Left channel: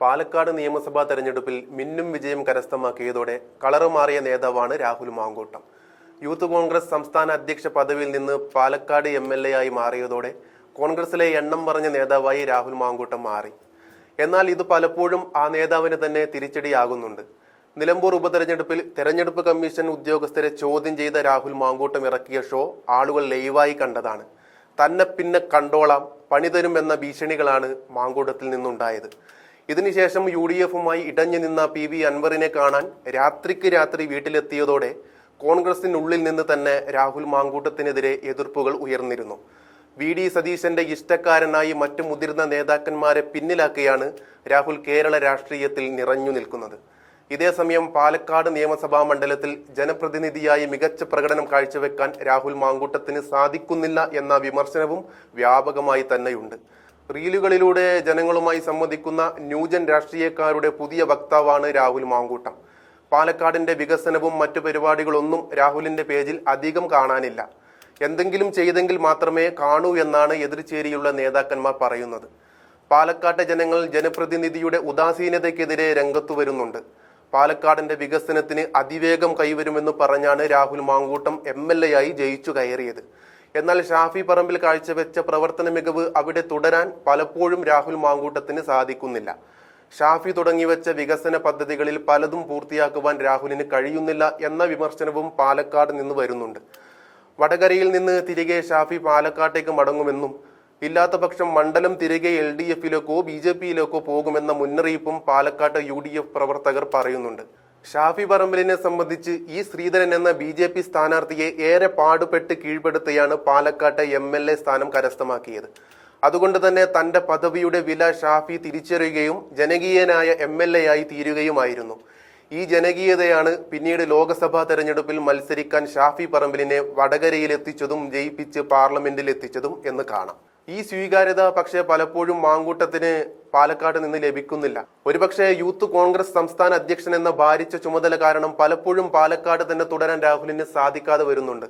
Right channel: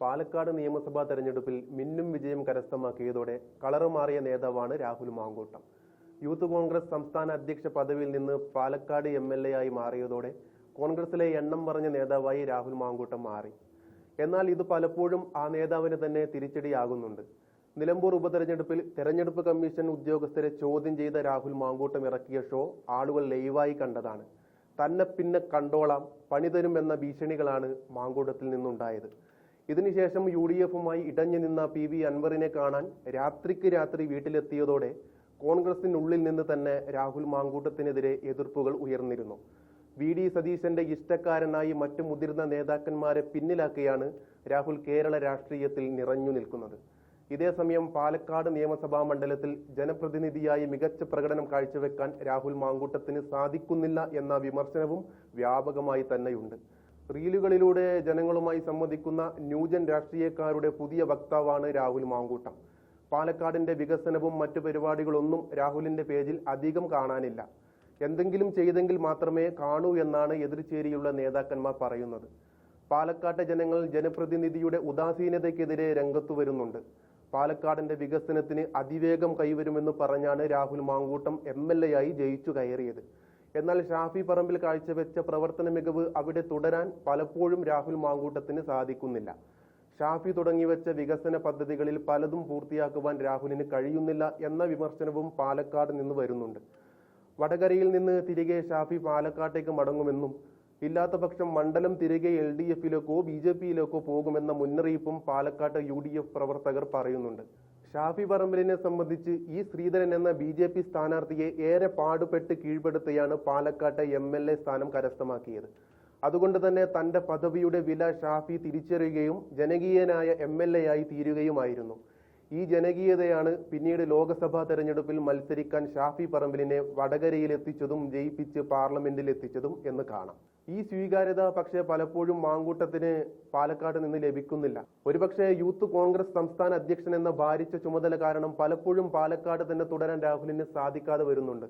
പാലക്കാട് നിയമസഭാ തെരഞ്ഞെടുപ്പിൽ മിന്നും വിജയം കരസ്ഥമാക്കിയതോടെ കളറ് മാറിയ നേതാവാണ് രാഹുൽ മാങ്കോട്ടം. യൂത്ത് കോൺഗ്രസ് സംസ്ഥാന അധ്യക്ഷ പദവിയിൽ നിന്ന് പാലക്കാട് എം എൽ എ ആയി മാറിയതോടെ കോൺഗ്രസിലെ എണ്ണം പറഞ്ഞ നേതാവായി രാഹുൽ മാങ്കൂട്ടം മാറി. എന്നാൽ ഇത് പലപ്പോഴും ആ നേതാവിന് തന്നെ തിരിച്ചടിയാകുന്നുണ്ട്. നിലമ്പൂർ ഉപതെരഞ്ഞെടുപ്പിൽ തെരഞ്ഞെടുപ്പ് കമ്മീഷൻ ഉദ്യോഗസ്ഥരെ ചോദ്യം ചെയ്ത രാഹുൽ മാങ്കൂട്ടം ഇറക്കിയ ഷോ ആളുകൾ ലൈവായി കണ്ടതാണ്. തന്നെ പിന്നെ കണ്ടോളാം പണിതരും എന്ന ഭീഷണികളാണ് മാങ്കൂട്ടത്തിൽ നിന്നുണ്ടായത്. ഇതിനുശേഷം യു ഡി എഫുമായി ഇടഞ്ഞു നിന്ന പി വി അൻവറിനെ കാണാൻ രാത്രിക്ക് രാത്രി വീട്ടിലെത്തിയതോടെ കോൺഗ്രസിനുള്ളിൽ നിന്ന് തന്നെ രാഹുൽ മാങ്കൂട്ടത്തിനെതിരെ എതിർപ്പുകൾ ഉയർന്നിരുന്നു. വി ഡി സതീശന്റെ ഇഷ്ടക്കാരനായി മറ്റു മുതിർന്ന നേതാക്കന്മാരെ പിന്നിലാക്കിയാണ് രാഹുൽ കേരള രാഷ്ട്രീയത്തിൽ നിറഞ്ഞു നിൽക്കുന്നത്. ഇതേസമയം പാലക്കാട് നിയമസഭാ മണ്ഡലത്തിൽ ജനപ്രതിനിധിയായി മികച്ച പ്രകടനം കാഴ്ചവെക്കാൻ രാഹുൽ മാങ്കൂട്ടത്തിന് സാധിക്കുന്നില്ല എന്ന വിമർശനവും വ്യാപകമായി തന്നെയുണ്ട്. റീലുകളിലൂടെ ജനങ്ങളുമായി സംവദിക്കുന്ന ന്യൂജൻ രാഷ്ട്രീയക്കാരുടെ പുതിയ വക്താവാണ് രാഹുൽ മാങ്കൂട്ടം. പാലക്കാടിന്റെ വികസനവും മറ്റു പരിപാടികളൊന്നും രാഹുലിന്റെ പേജിൽ അധികം കാണാനില്ല. എന്തെങ്കിലും ചെയ്തെങ്കിൽ മാത്രമേ കാണൂ എന്നാണ് എതിർചേരിയുള്ള നേതാക്കന്മാർ പറയുന്നത്. പാലക്കാട്ടെ ജനങ്ങൾ ജനപ്രതിനിധിയുടെ ഉദാസീനതയ്ക്കെതിരെ രംഗത്തു വരുന്നുണ്ട്. പാലക്കാടിന്റെ വികസനത്തിന് അതിവേഗം കൈവരുമെന്ന് പറഞ്ഞാണ് Rahul Mankoottam M L A ആയി ജയിച്ചു കയറിയത്. എന്നാൽ ഷാഫി പറമ്പിൽ കാഴ്ചവെച്ച പ്രവർത്തന മികവ് അവിടെ തുടരാൻ പലപ്പോഴും രാഹുൽ മാങ്കൂട്ടത്തിന് സാധിക്കുന്നില്ല. ഷാഫി തുടങ്ങിവെച്ച വികസന പദ്ധതികളിൽ പലതും പൂർത്തിയാക്കുവാൻ രാഹുലിന് കഴിയുന്നില്ല എന്ന വിമർശനവും പാലക്കാട് നിന്ന് വരുന്നുണ്ട്. വടകരയിൽ നിന്ന് തിരികെ ഷാഫി പാലക്കാട്ടേക്ക് മടങ്ങുമെന്നും ഇല്ലാത്ത പക്ഷം മണ്ഡലം തിരികെ എൽ ഡി എഫിലേക്കോ ബി ജെ പിയിലേക്കോ പോകുമെന്ന മുന്നറിയിപ്പും പാലക്കാട്ട് യു ഡി എഫ് പ്രവർത്തകർ പറയുന്നുണ്ട്. ഷാഫി പറമ്പലിനെ സംബന്ധിച്ച് ഈ ശ്രീധരൻ എന്ന ബി ജെ പി സ്ഥാനാർത്ഥിയെ ഏറെ പാടുപെട്ട് കീഴ്പ്പെടുത്തിയാണ് പാലക്കാട്ടെ എം എൽ എ സ്ഥാനം കരസ്ഥമാക്കിയത്. അതുകൊണ്ട് തന്നെ തന്റെ പദവിയുടെ വില ഷാഫി തിരിച്ചറിയുകയും ജനകീയനായ എം എൽ എ ആയി തീരുകയുമായിരുന്നു. ഈ ജനകീയതയാണ് പിന്നീട് ലോക്സഭാ തെരഞ്ഞെടുപ്പിൽ മത്സരിക്കാൻ ഷാഫി പറമ്പിലിനെ വടകരയിൽ എത്തിച്ചതും ജയിപ്പിച്ച് പാർലമെന്റിൽ എത്തിച്ചതും എന്ന് കാണാം. ഈ സ്വീകാര്യത പക്ഷേ പലപ്പോഴും മാങ്കൂട്ടത്തിന് പാലക്കാട് നിന്ന് ലഭിക്കുന്നില്ല. ഒരുപക്ഷെ യൂത്ത് കോൺഗ്രസ് സംസ്ഥാന അധ്യക്ഷൻ എന്ന ഭാരിച്ച ചുമതല കാരണം പലപ്പോഴും പാലക്കാട് തന്നെ തുടരാൻ രാഹുലിന് സാധിക്കാതെ വരുന്നുണ്ട്.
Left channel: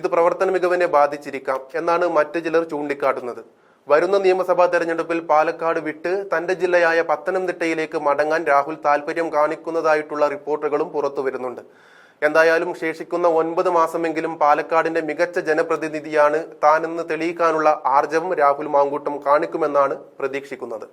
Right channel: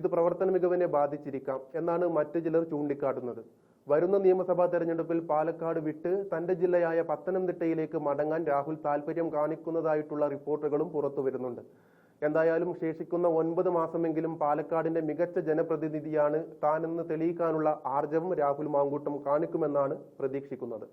ഇത് പ്രവർത്തന മികവിനെ ബാധിച്ചിരിക്കാം എന്നാണ് മറ്റു ചിലർ ചൂണ്ടിക്കാട്ടുന്നത്. വരുന്ന നിയമസഭാ തെരഞ്ഞെടുപ്പിൽ പാലക്കാട് വിട്ട് തന്റെ ജില്ലയായ പത്തനംതിട്ടയിലേക്ക് മടങ്ങാൻ രാഹുൽ താല്പര്യം കാണിക്കുന്നതായിട്ടുള്ള റിപ്പോർട്ടുകളും പുറത്തു വരുന്നുണ്ട് എന്തായാലും ശേഷിക്കുന്ന ഒൻപത് മാസമെങ്കിലും പാലക്കാടിന്റെ മികച്ച ജനപ്രതിനിധിയാണ് താനെന്ന് തെളിയിക്കാനുള്ള ആർജവം രാഹുൽ മാങ്കൂട്ടം കാണിക്കുമെന്നാണ് പ്രതീക്ഷിക്കുന്നത്